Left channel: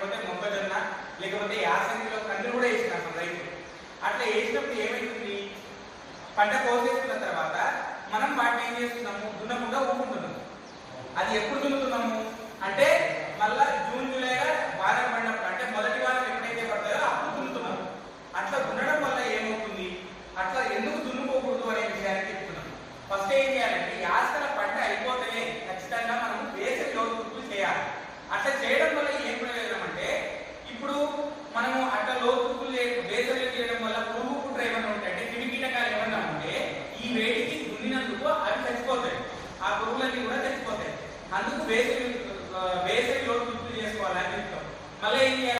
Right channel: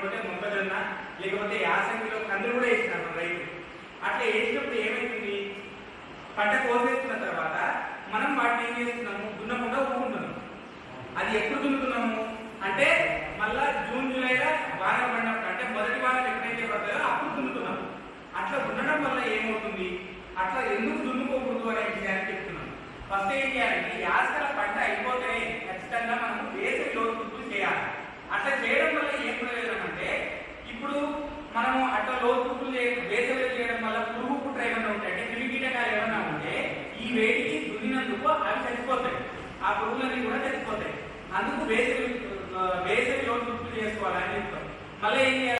లేకపోతే మొక్కజొన్న, లేకపోతే యాసంగిలో కందులు కూడా వేసినారు మన రైతు. అట్లా వేసినప్పుడు ఏమైతుంది, పంట కోసేసుకున్న తర్వాత మనం వాటిని ఏం చేస్తున్నాము, దున్నకుండా ఊరుకుంటున్నాము. అది ఎప్పుడు దున్నుతున్నాము అంటే మళ్ళా జూన్ జూలైలో వానలు పడినప్పుడు, అంటే మొదటి వానలు ఎప్పుడైతే పడతాయో అప్పుడు దున్నుతున్నాము. అట్లా దున్నడం వల్ల ఏమవుతుంది, అట్లా ఎందుకు దున్నుకోకూడదు అనే విషయాన్ని చెప్తున్నాను. ఫస్ట్ ఏం చేయాలంటే యాసల పంట అయిపోతే ఖచ్చితంగా మనం వేసవి లోతులు చేయాలి. అట్లా చేయడం వల్ల ఏం ప్రయోజనం అంటే, ఇప్పుడు మనము అట్లా లోతులు వేసవిలో చేయడం వల్ల పురుగు పుట్ర ఏమన్నా ఉంటే, అంటే క్రిమికీటకాలు ఏమన్నా ఉంటే ఈ వేడికి దున్నినందుకు అవి చచ్చిపోతాయి, ఆ పురుగులన్నీ కూడా చచ్చిపోతాయి. అందుకు వేసవి లోతులు చేసుకోవాలని చెప్తాం. మళ్ళీ ఏం చేయాలి,